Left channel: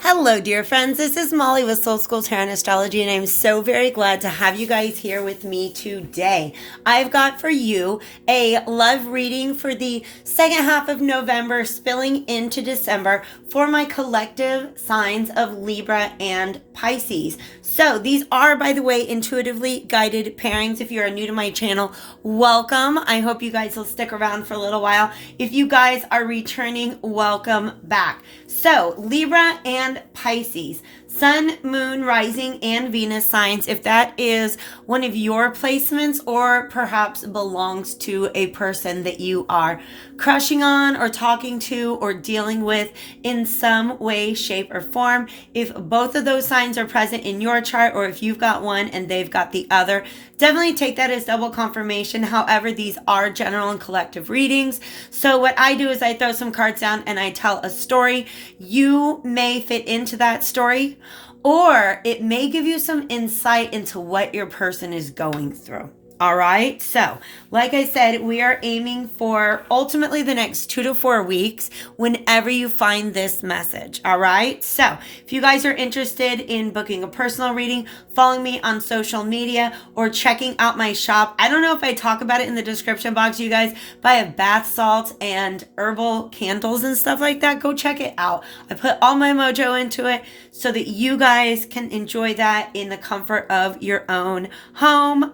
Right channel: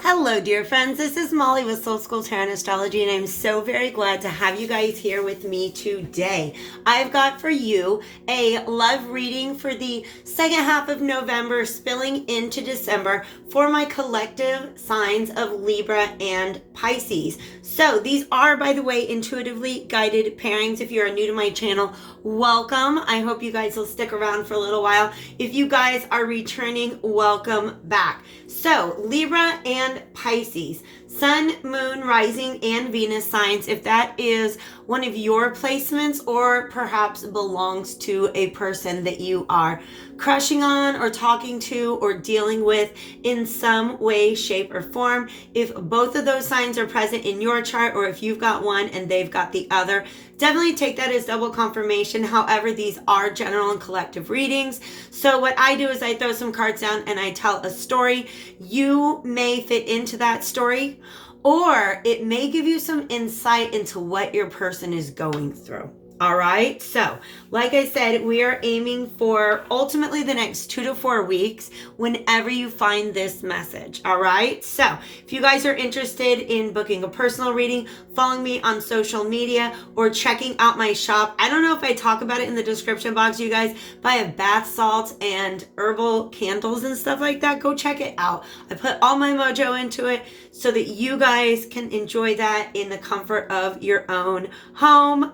Hello, dear friends. This is Molly with Soul School Tarot and Astrology, and I'm so very glad to have you guys here with me today. I've got for you a love reading for the second half of November, spilling into December, for my collective signs of Libra and Pisces. So these are, by the way, intuitively guided pairings. If you are new to my channel, welcome. I hope you guys will stick around for a little while. If you guys are returning, welcome back. So Libra and Pisces, Sun, Moon, Rising, and Venus signs, if that is one of your placements or perhaps belongs to a person that you are crushing on or talking to or dealing with in some way, shape, or form. If both of those signs are present in your chart, or if you've got one and they've got the other, definitely take that as double confirmation. However, these are general and collective readings. So what I do is I throw some cards down and I tell a story. You may fit into that story, or it may give you some insight into what your person is going through. All right. So, like I said, we are aiming for ultimately the next 2 to 4 weeks whenever you find this message. All right. So, if you guys are interested in booking a personal reading, following me on social media, or checking out my shop. I don't know if I talk about it in the description box, you guys, but I have bath salts and herbal candles and stuff like that. Go check it out. I put all my mojo into it so that you guys can enjoy that in the comfort of your own home.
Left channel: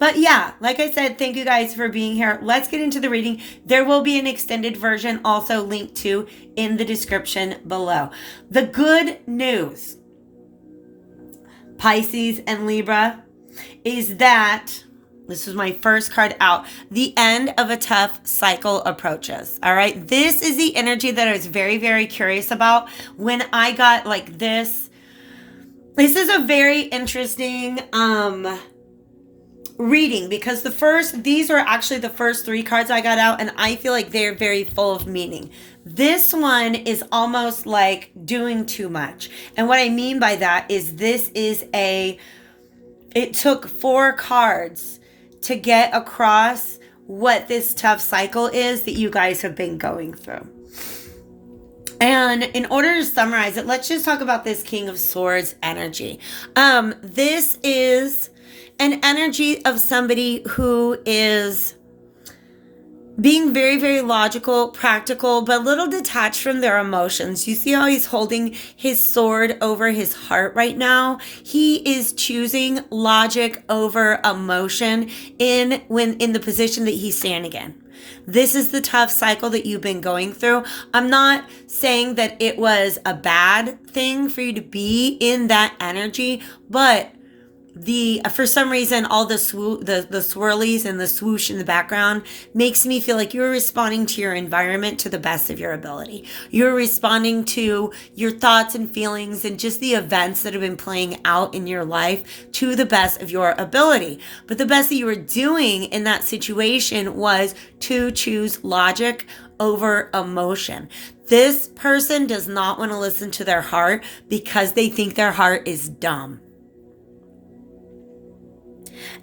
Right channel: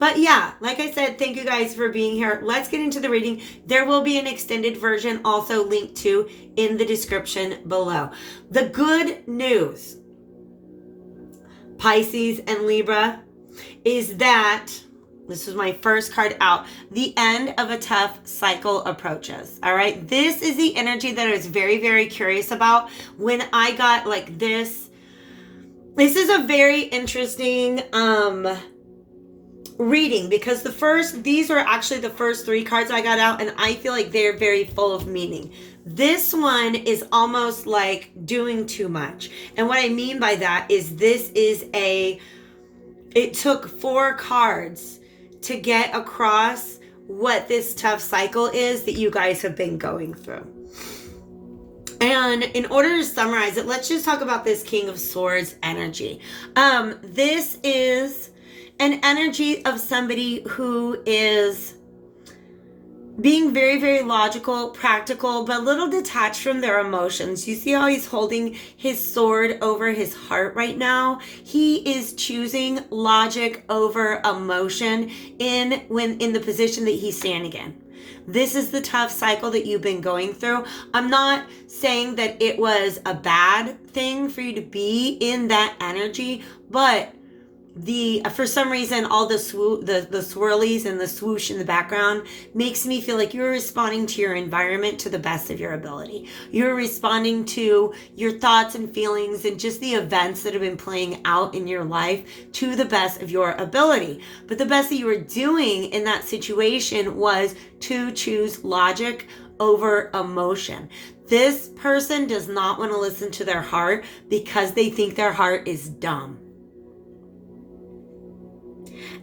But yeah, like I said, thank you guys for being here. Let's get into the reading. There will be an extended version also linked to in the description below. The good news, Pisces and Libra, is that this was my first card out. The end of a tough cycle approaches. All right. This is the energy that I was very, very curious about when I got like this. This is a very interesting reading, because these were actually the first 3 cards I got out, and I feel like they're very full of meaning. This one is almost like doing too much. And what I mean by that is it took 4 cards to get across what this tough cycle is that you guys have been going through. And in order to summarize it, let's just talk about this King of Swords energy. This is an energy of somebody who is being very, very logical, practical, but a little detached from their emotions. You see how he's holding his sword over his heart right now? He is choosing logic over emotion in the position that he's standing in. This is the tough cycle that you've been going through. I'm not saying that it was a bad thing for you to be in that energy, but for some reason, all the swirlies and the swoosh in the background makes me feel like you're responding to your environment to the best of your ability. You're responding to your thoughts and feelings and just the events that have been playing out in your life to the best of your ability. But the best that you were doing in that situation was to choose logic over emotion. This person does not want to listen to their heart because they think their heart is dumb.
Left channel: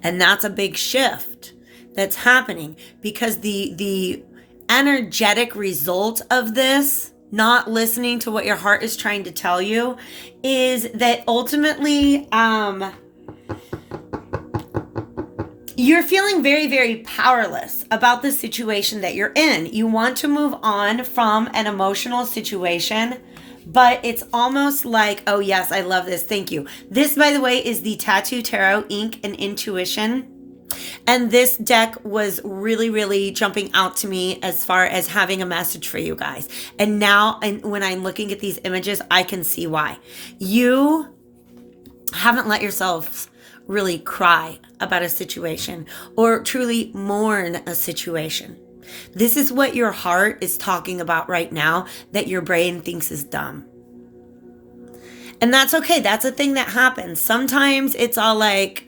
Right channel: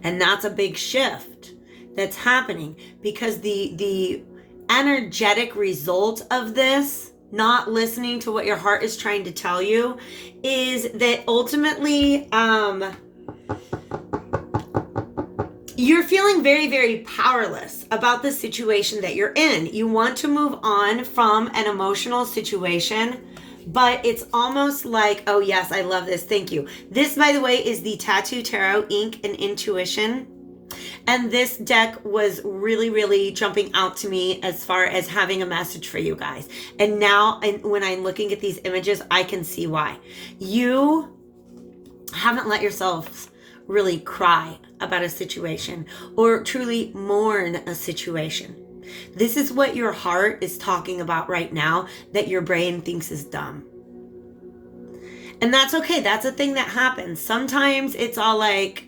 And that's a big shift that's happening, because the energetic result of this, not listening to what your heart is trying to tell you, is that ultimately you're feeling very, very powerless about the situation that you're in. You want to move on from an emotional situation, but it's almost like, oh yes, I love this. Thank you. This, by the way, is the Tattoo Tarot Ink and Intuition. And this deck was really, really jumping out to me as far as having a message for you guys. And now, when I'm looking at these images, I can see why. You haven't let yourselves really cry about a situation or truly mourn a situation. This is what your heart is talking about right now that your brain thinks is dumb. And that's okay. That's a thing that happens. Sometimes it's all like,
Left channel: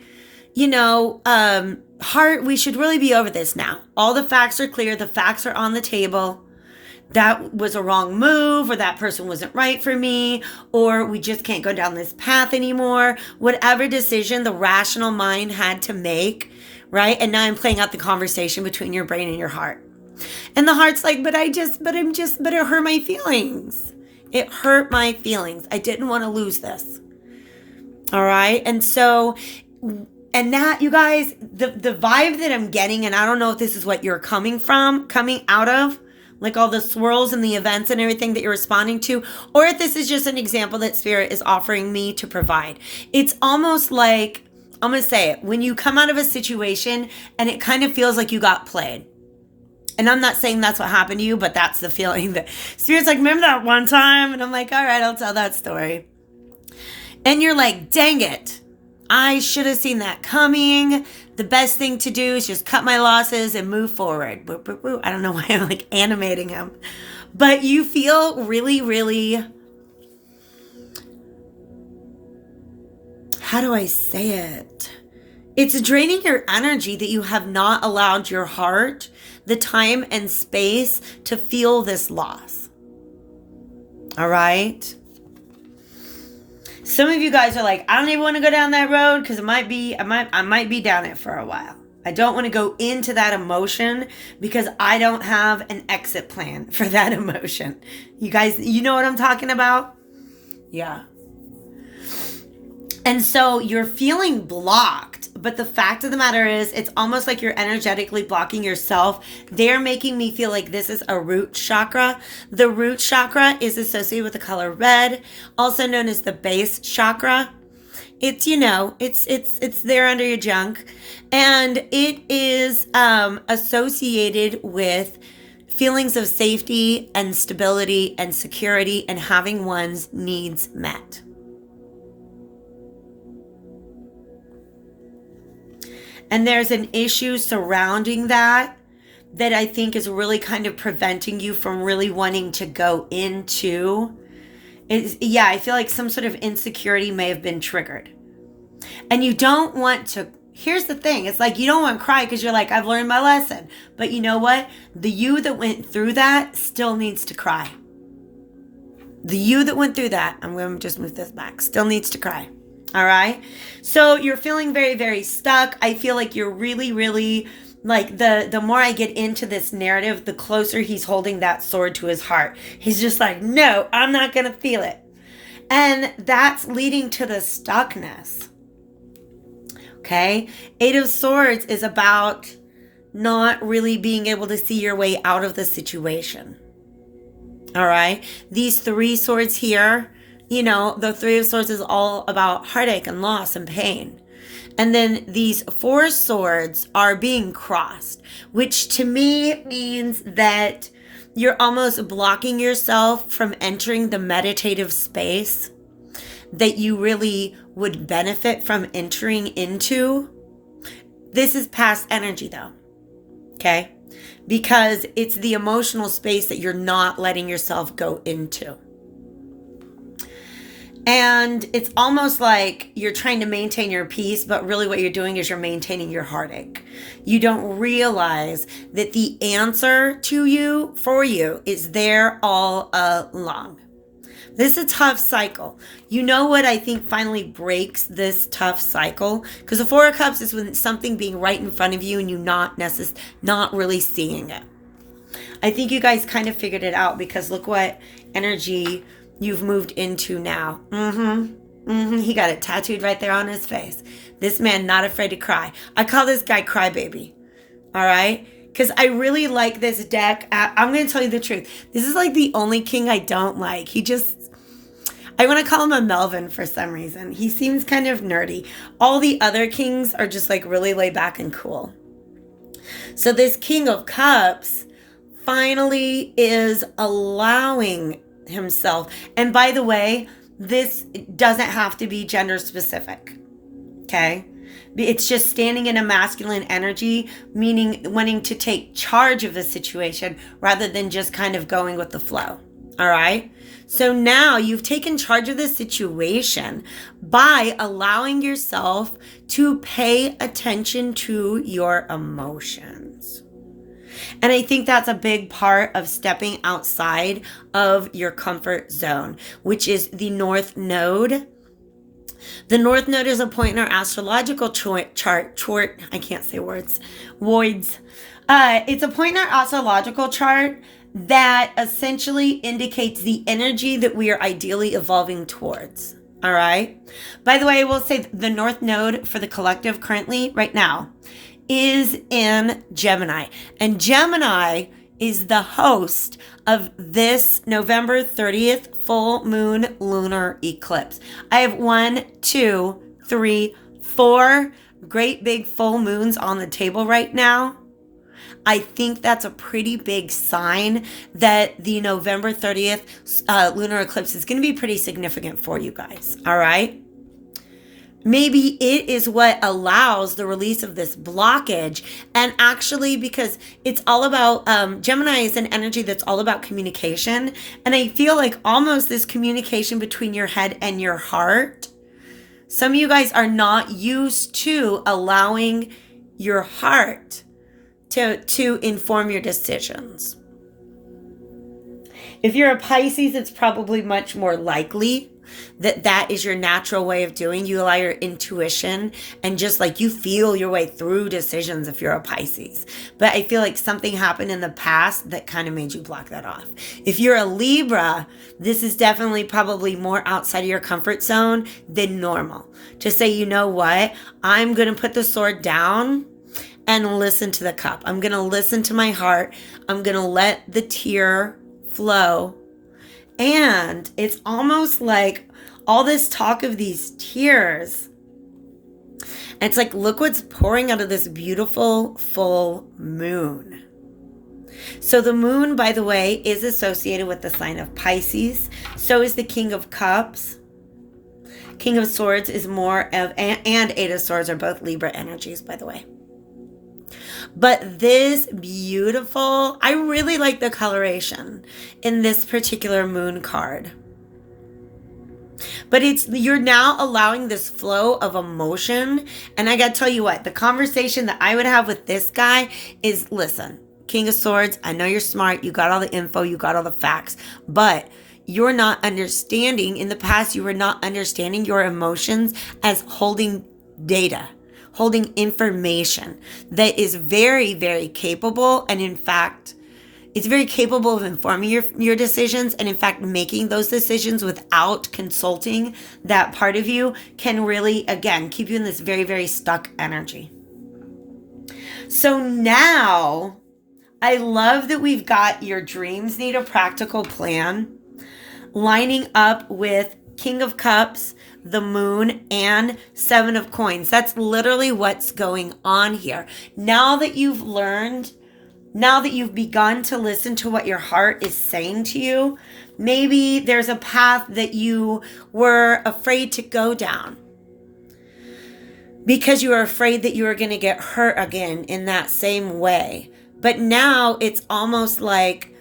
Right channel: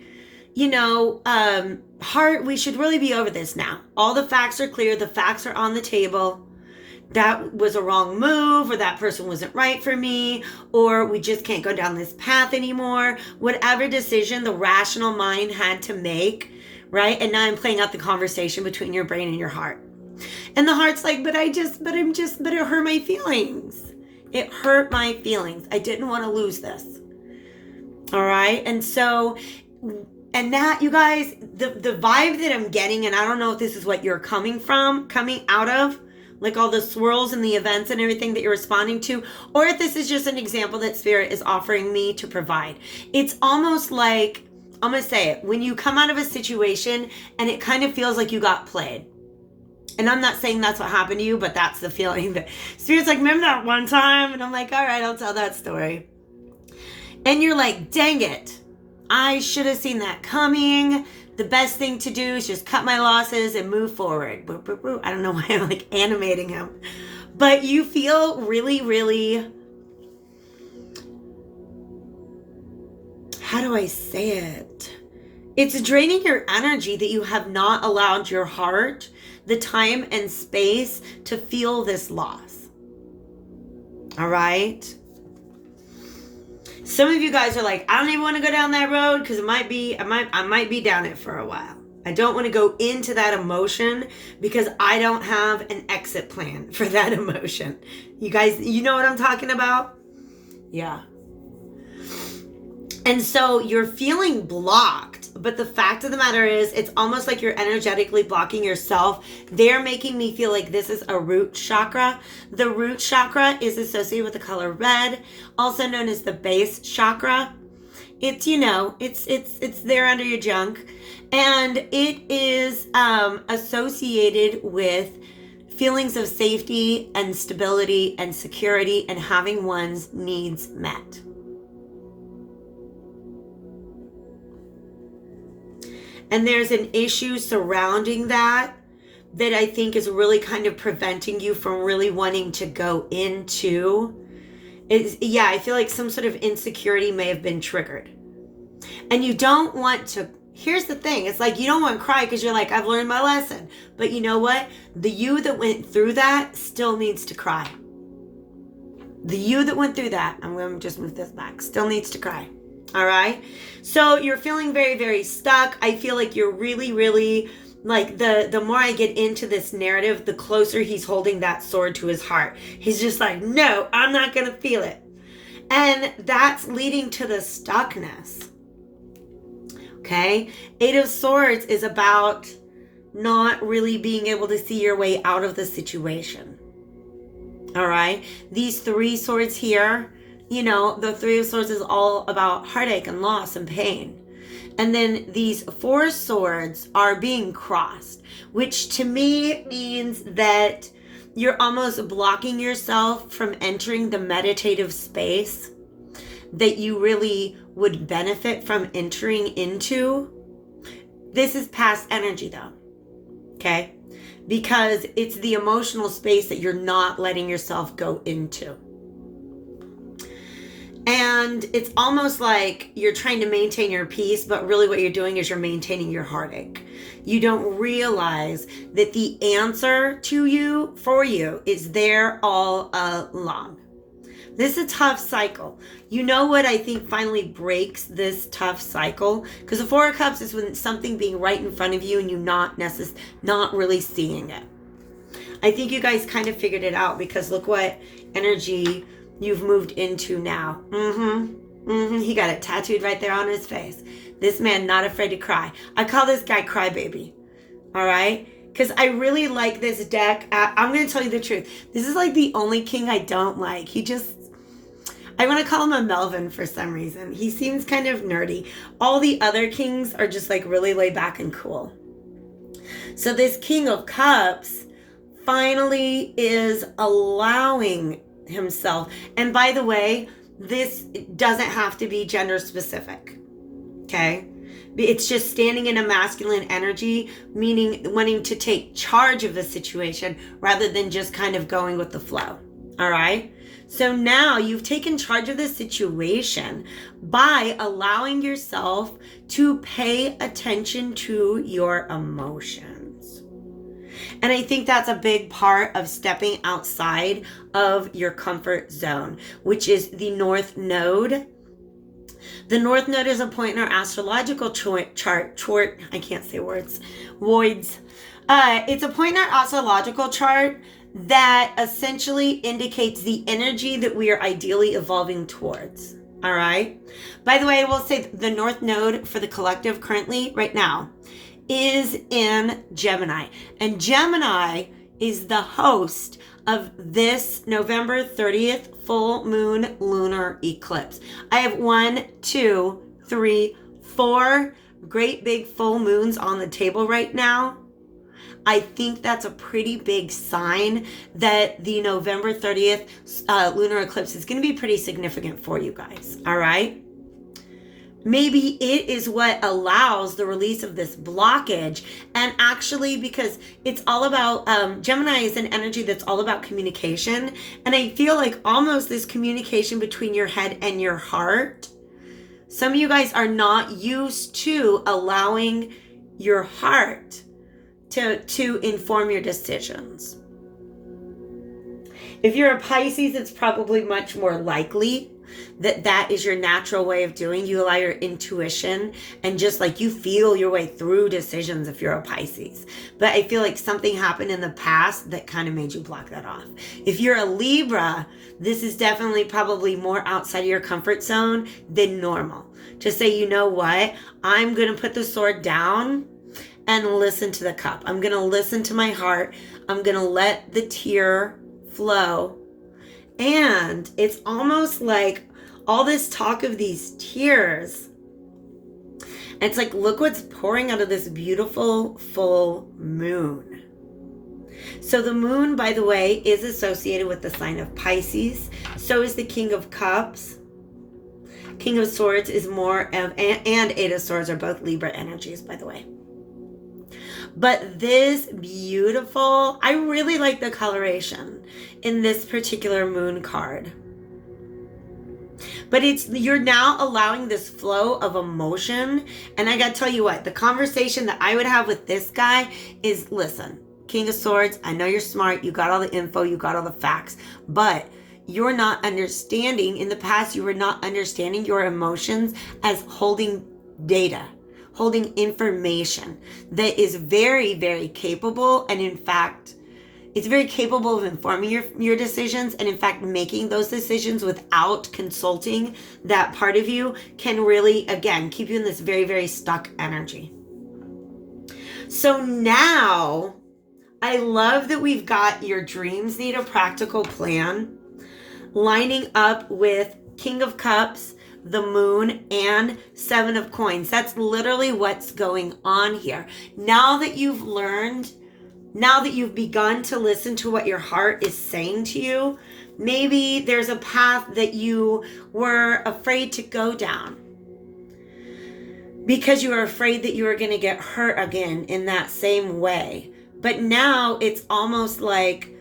heart, we should really be over this now. All the facts are clear. The facts are on the table. That was a wrong move, or that person wasn't right for me, or we just can't go down this path anymore. Whatever decision the rational mind had to make, right? And now I'm playing out the conversation between your brain and your heart. And the heart's like, but it hurt my feelings. It hurt my feelings. I didn't want to lose this. All right. And so, and that, you guys, the vibe that I'm getting, and I don't know if this is what you're coming out of, like all the swirls and the events and everything that you're responding to, or if this is just an example that Spirit is offering me to provide. It's almost like, I'm going to say it, when you come out of a situation and it kind of feels like you got played. And I'm not saying that's what happened to you, but that's the feeling that Spirit's like, remember that one time? And I'm like, all right, I'll tell that story. And you're like, dang it, I should have seen that coming. The best thing to do is just cut my losses and move forward. I don't know why I'm like animating him. But you feel really, really, how do I say it? It's draining your energy that you have not allowed your heart the time and space to feel this loss. All right? Some of you guys are like, I don't even want to go down that road because I might be down it for a while. I don't want to go into that emotion because I don't have an exit plan for that emotion. You guys, you know what I'm talking about? Yeah. And so you're feeling blocked, but the fact of the matter is it's almost like you're energetically blocking yourself. They're making me feel like this is a root chakra. The root chakra is associated with the color red, also known as the base chakra. It's, you know, it's there under your junk, and it is associated with feelings of safety and stability and security and having one's needs met. And there's an issue surrounding that I think is really kind of preventing you from really wanting to go into. I feel like some sort of insecurity may have been triggered. And you don't want to, here's the thing, it's like you don't want to cry because you're like, I've learned my lesson. But you know what? The you that went through that still needs to cry. The you that went through that, I'm going to just move this back, still needs to cry. All right. So you're feeling very, very stuck. I feel like you're really, really like the more I get into this narrative, the closer he's holding that sword to his heart. He's just like, no, I'm not going to feel it. And that's leading to the stuckness. Okay. 8 of Swords is about not really being able to see your way out of the situation. All right. These 3 swords here, you know, the 3 of Swords is all about heartache and loss and pain. And then these 4 swords are being crossed, which to me means that you're almost blocking yourself from entering the meditative space that you really would benefit from entering into. This is past energy though, okay? Because it's the emotional space that you're not letting yourself go into. And it's almost like you're trying to maintain your peace, but really what you're doing is you're maintaining your heartache. You don't realize that the answer for you is there all along. This is a tough cycle. You know what I think finally breaks this tough cycle? Because the 4 of Cups is when something being right in front of you and you not really seeing it. I think you guys kind of figured it out because look what energy you've moved into now. He got it tattooed right there on his face. This man not afraid to cry. I call this guy Crybaby. All right? Because I really like this deck. I'm going to tell you the truth. This is like the only king I don't like. I want to call him a Melvin for some reason. He seems kind of nerdy. All the other kings are just like really laid back and cool. So this King of Cups finally is allowing himself. And by the way, this doesn't have to be gender specific. Okay? It's just standing in a masculine energy, meaning wanting to take charge of the situation rather than just kind of going with the flow. All right? So now you've taken charge of the situation by allowing yourself to pay attention to your emotions. And I think that's a big part of stepping outside of your comfort zone, which is the North Node. The North Node is a point in our astrological chart. I can't say words. Voids. It's a point in our astrological chart that essentially indicates the energy that we are ideally evolving towards. All right. By the way, I will say the North Node for the collective currently, right now, is in Gemini. And Gemini is the host of this November 30th full moon lunar eclipse. I have 1, 2, 3, 4 great big full moons on the table right now. I think that's a pretty big sign that the November 30th lunar eclipse is going to be pretty significant for you guys. All right. Maybe it is what allows the release of this blockage. And actually, because it's all about, Gemini is an energy that's all about communication. And I feel like almost this communication between your head and your heart. Some of you guys are not used to allowing your heart to inform your decisions. If you're a Pisces, it's probably much more likely that is your natural way of doing. You allow your intuition and just like you feel your way through decisions if you're a Pisces. But I feel like something happened in the past that kind of made you block that off. If you're a Libra, this is definitely probably more outside of your comfort zone than normal. To say, you know what, I'm going to put the sword down and listen to the cup. I'm going to listen to my heart. I'm going to let the tear flow. And it's almost like all this talk of these tears. It's like, look what's pouring out of this beautiful full moon. So the moon, by the way, is associated with the sign of Pisces. So is the King of Cups. King of Swords is more of, and Eight of Swords are both Libra energies, by the way. But this beautiful, I really like the coloration in this particular moon card. But you're now allowing this flow of emotion. And I got to tell you what, the conversation that I would have with this guy is, listen, King of Swords, I know you're smart. You got all the info. You got all the facts. But you're not understanding, in the past, you were not understanding your emotions as holding data, holding information that is very, very capable. And in fact, it's very capable of informing your decisions. And in fact, making those decisions without consulting that part of you can really, again, keep you in this very, very stuck energy. So now I love that we've got your dreams need a practical plan lining up with King of Cups, the moon, and Seven of Coins. That's literally what's going on here. Now that you've learned, now that you've begun to listen to what your heart is saying to you, maybe there's a path that you were afraid to go down because you were afraid that you were going to get hurt again in that same way. But now it's almost like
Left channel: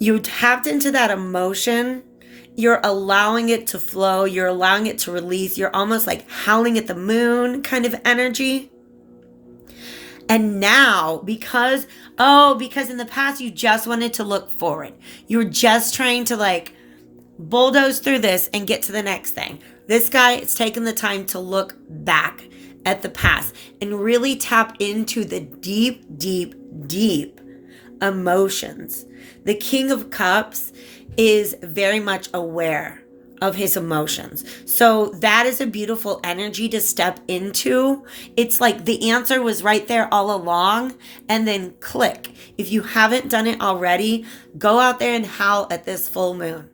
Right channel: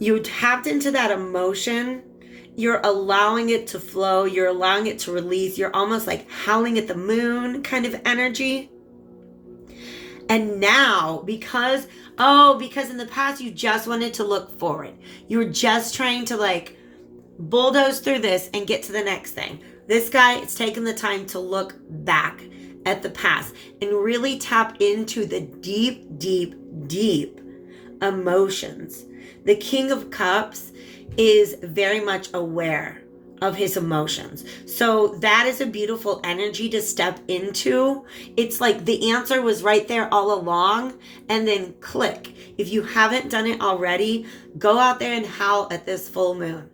you tapped into that emotion. You're allowing it to flow. You're allowing it to release. You're almost like howling at the moon kind of energy. And now, because in the past you just wanted to look forward. You were just trying to like bulldoze through this and get to the next thing. This guy is taking the time to look back at the past and really tap into the deep, deep, deep emotions. The King of Cups is very much aware of his emotions. So that is a beautiful energy to step into. It's like the answer was right there all along, and then click. If you haven't done it already, go out there and howl at this full moon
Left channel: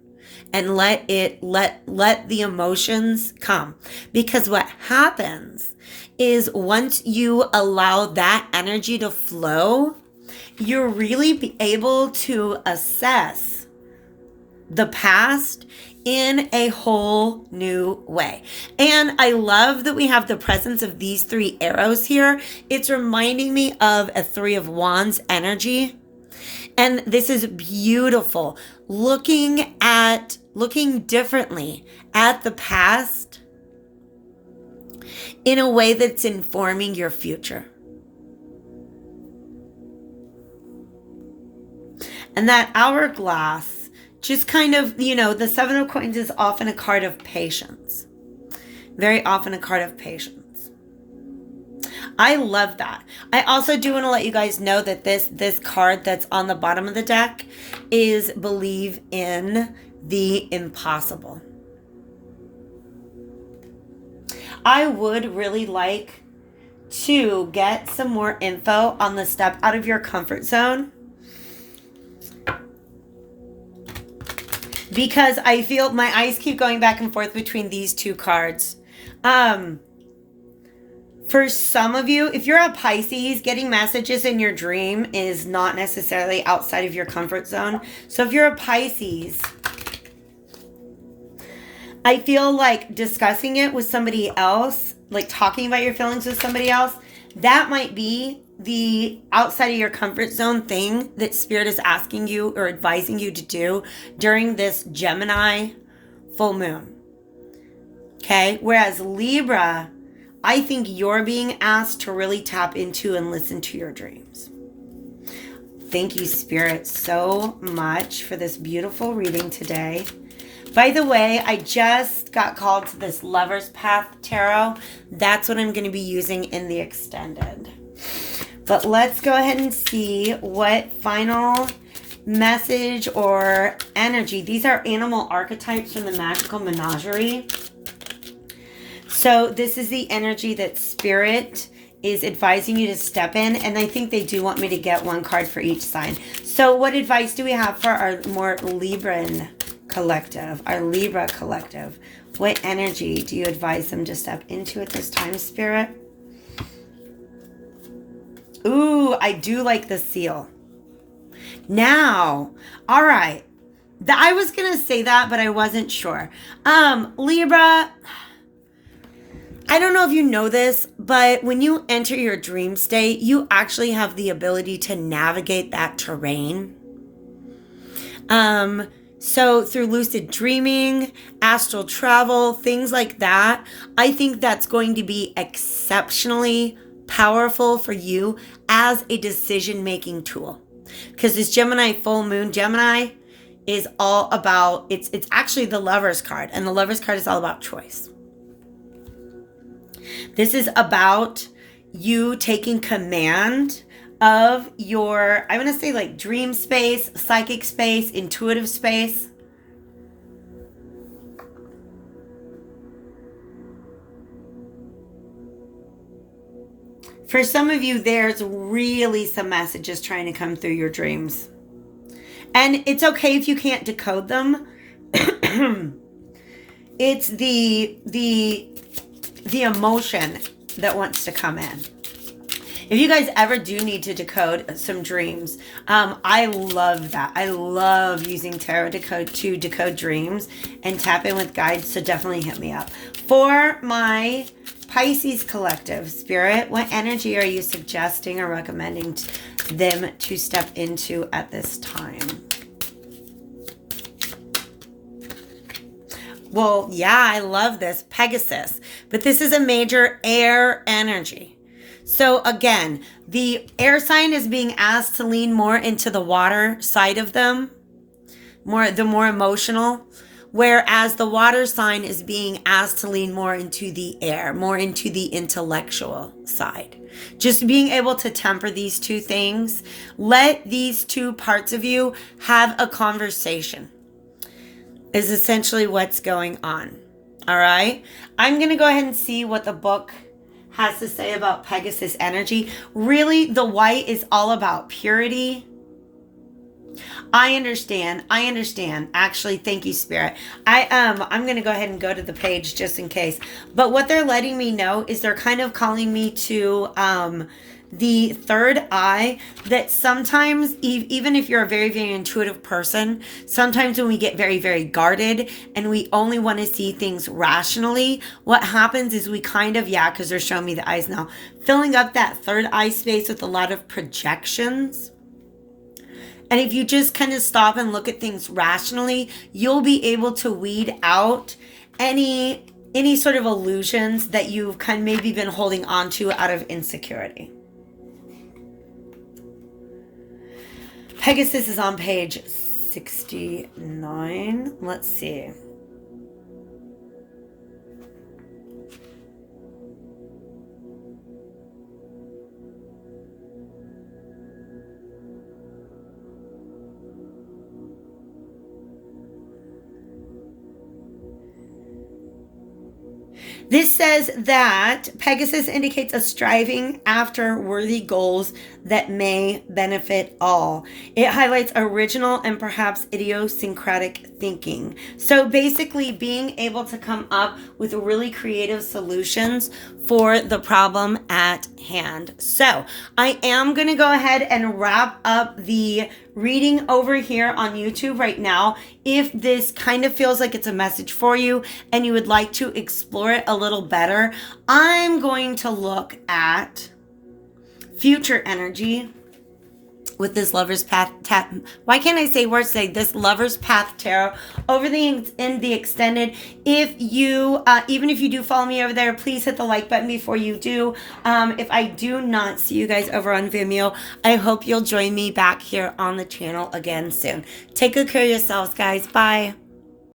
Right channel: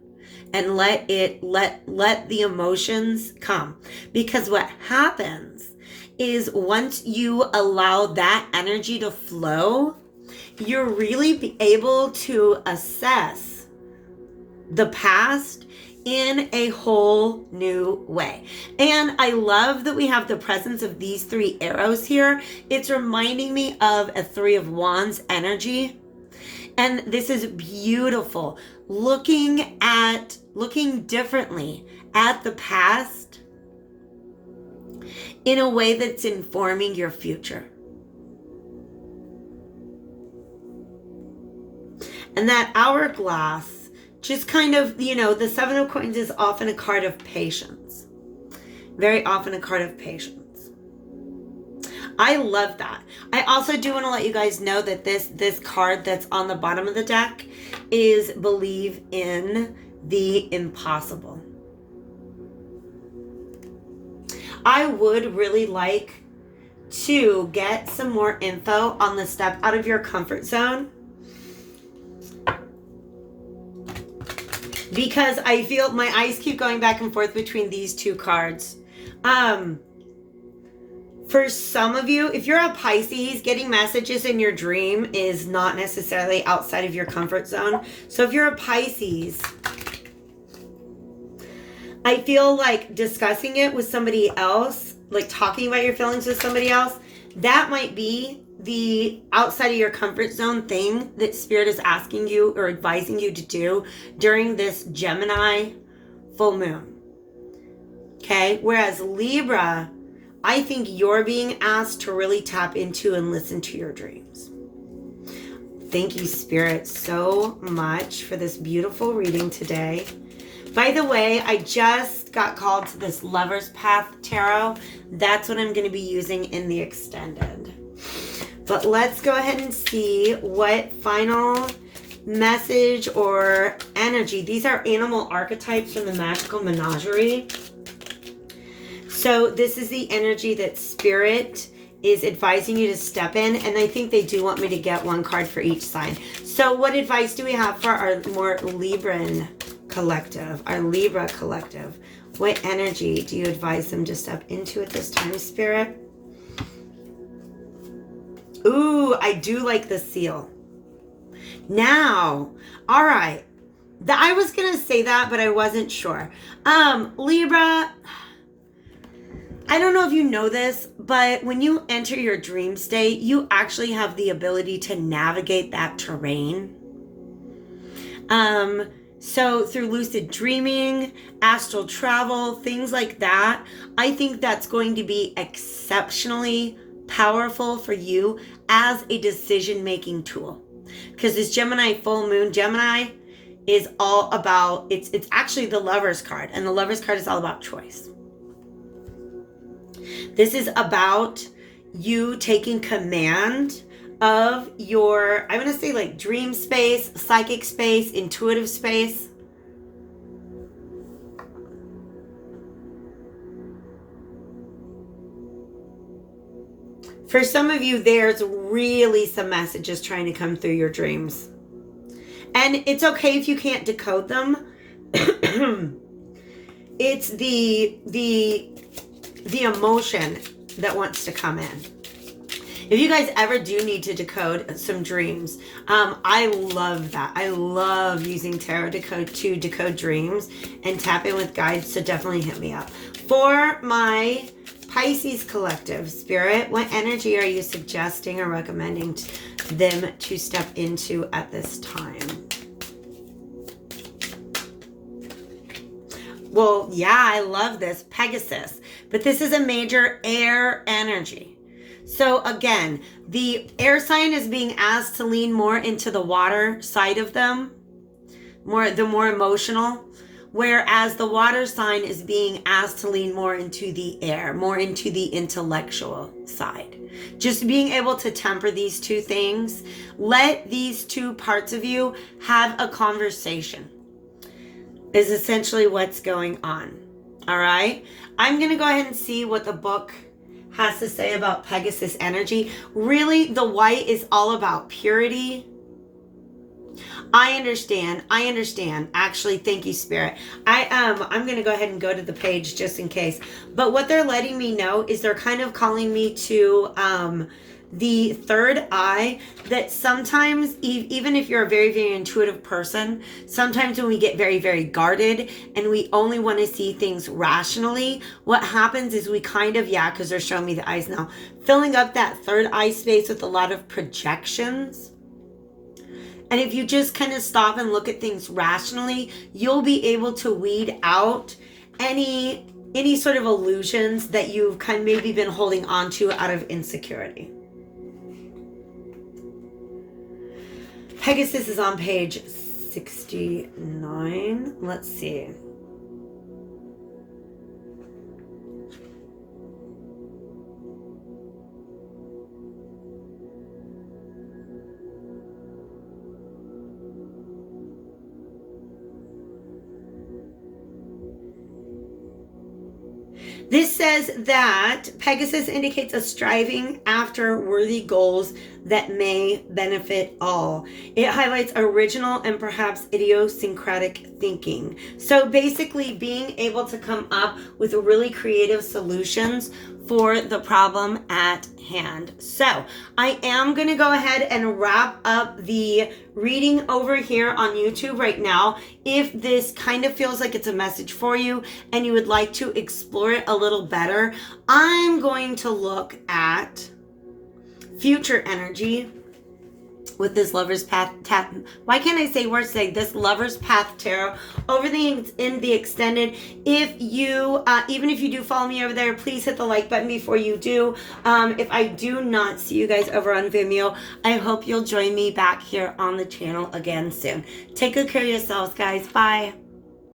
and let the emotions come. Because what happens is once you allow that energy to flow, you're really able to assess the past in a whole new way. And I love that we have the presence of these three arrows here. It's reminding me of a Three of Wands energy. And this is beautiful. Looking differently at the past in a way that's informing your future. And that hourglass, just kind of, the Seven of Coins is often a card of patience. Very often a card of patience. I love that. I also do want to let you guys know that this card that's on the bottom of the deck is believe in the impossible. I would really like to get some more info on the step out of your comfort zone, because I feel my eyes keep going back and forth between these two cards. For some of you, if you're a Pisces, getting messages in your dream is not necessarily outside of your comfort zone. So if you're a Pisces, I feel like discussing it with somebody else, like talking about your feelings with somebody else, that might be the outside of your comfort zone thing that Spirit is asking you or advising you to do during this Gemini full moon. Okay? Whereas Libra, I think you're being asked to really tap into and listen to your dreams. Thank you, Spirit, so much for this beautiful reading today. By the way, I just got called to this Lover's Path Tarot. That's what I'm going to be using in the extended. But let's go ahead and see what final message or energy. These are animal archetypes from the Magical Menagerie. So this is the energy that Spirit is advising you to step in. And I think they do want me to get one card for each sign. So what advice do we have for our more Libran collective, our Libra collective? What energy do you advise them to step into at this time, Spirit? Ooh, I do like the seal. Now, all right. I was going to say that, but I wasn't sure. Libra, I don't know if you know this, but when you enter your dream state, you actually have the ability to navigate that terrain. So through lucid dreaming, astral travel, things like that, I think that's going to be exceptionally powerful for you as a decision-making tool. Because this Gemini full moon, Gemini is all about, it's actually the Lover's card, and the Lover's card is all about choice. This is about you taking command of your, I'm going to say like dream space, psychic space, intuitive space. For some of you, there's really some messages trying to come through your dreams. And it's okay if you can't decode them. It's the emotion that wants to come in. If you guys ever do need to decode some dreams, I love that. I love using tarot to decode dreams and tap in with guides, so definitely hit me up. For my Pisces collective, Spirit, what energy are you suggesting or recommending them to step into at this time? Well, yeah, I love this. Pegasus. But this is a major air energy. So again, the air sign is being asked to lean more into the water side of them, the more emotional, whereas the water sign is being asked to lean more into the air, more into the intellectual side. Just being able to temper these two things, let these two parts of you have a conversation, is essentially what's going on. All right. I'm going to go ahead and see what the book has to say about Pegasus energy. Really, the white is all about purity. I understand. Actually, thank you, Spirit. I'm going to go ahead and go to the page just in case. But what they're letting me know is they're kind of calling me to the third eye, that sometimes, even if you're a very, very intuitive person, sometimes when we get very, very guarded and we only want to see things rationally, what happens is we kind of, because they're showing me the eyes now, filling up that third eye space with a lot of projections. And if you just kind of stop and look at things rationally, you'll be able to weed out any sort of illusions that you've kind of maybe been holding on to out of insecurity. Pegasus is on page 69. Let's see. This says that Pegasus indicates a striving after worthy goals that may benefit all. It highlights original and perhaps idiosyncratic thinking. So basically being able to come up with really creative solutions for the problem at hand. So I am going to go ahead and wrap up the reading over here on YouTube right now. If this kind of feels like it's a message for you and you would like to explore it a little better, I'm going to look at future energy with this Lover's Path why can't I say words today? This Lover's Path Tarot over in the extended. If you even if you do follow me over there, please hit the like button before you do. If I do not see you guys over on Vimeo, I hope you'll join me back here on the channel again soon. Take good care of yourselves, guys. Bye.